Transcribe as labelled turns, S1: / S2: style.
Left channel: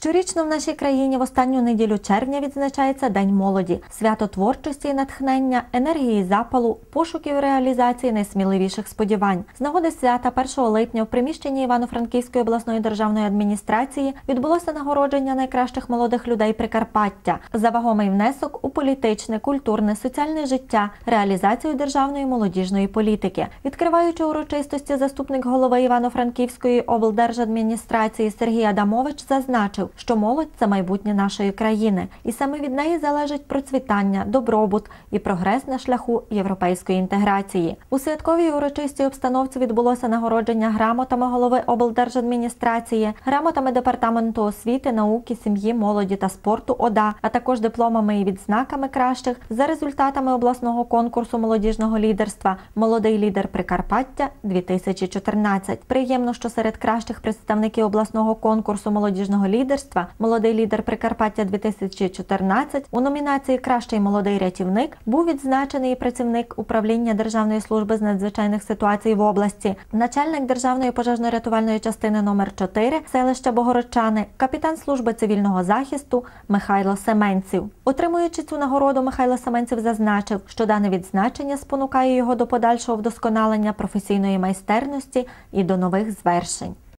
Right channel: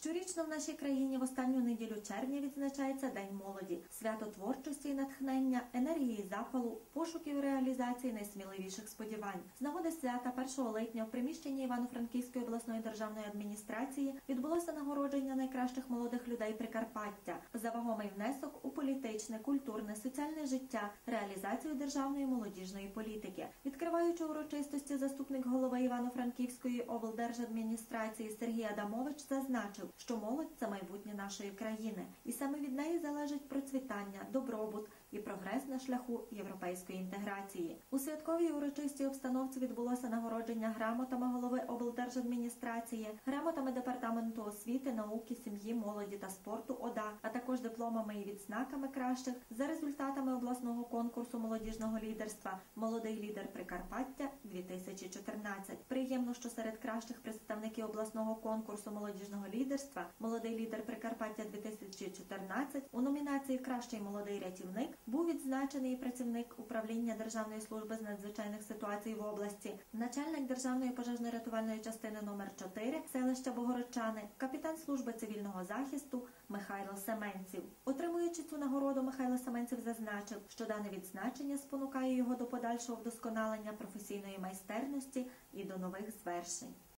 S1: Щорічно в нашій країні в останню неділю червня відзначається День молоді, свято творчості і натхнення, енергії запалу, пошуків реалізації найсміливіших сподівань. З нагоди свята 1 липня в приміщенні Івано-Франківської обласної державної адміністрації відбулося нагородження найкращих молодих людей Прикарпаття за вагомий внесок у політичне, культурне, соціальне життя, реалізацію державної молодіжної політики. Відкриваючи урочистості, заступник голови Івано-Франківської облдержадміністрації Сергій Адамович зазначив, що молодь це майбутнє нашої країни, і саме від неї залежить процвітання, добробут і прогрес на шляху європейської інтеграції. У святковій урочистій обстановці відбулося нагородження грамотами голови облдержадміністрації, грамотами департаменту освіти, науки, сім'ї, молоді та спорту ОДА, а також дипломами і відзнаками кращих за результатами обласного конкурсу молодіжного лідерства Молодий лідер Прикарпаття 2014 Приємно, що серед кращих представників обласного конкурсу молодіжного лідерства Молодий лідер Прикарпаття 2014 у номінації Кращий молодий рятівник був відзначений працівник управління Державної служби з надзвичайних ситуацій в області, начальник Державної пожежно-рятувальної частини номер 4 селища Богородчани, капітан служби цивільного захисту Михайло Семенців. Отримуючи цю нагороду, Михайло Семенців зазначив, що дане відзначення спонукає його до подальшого вдосконалення професійної майстерності і до нових звершень.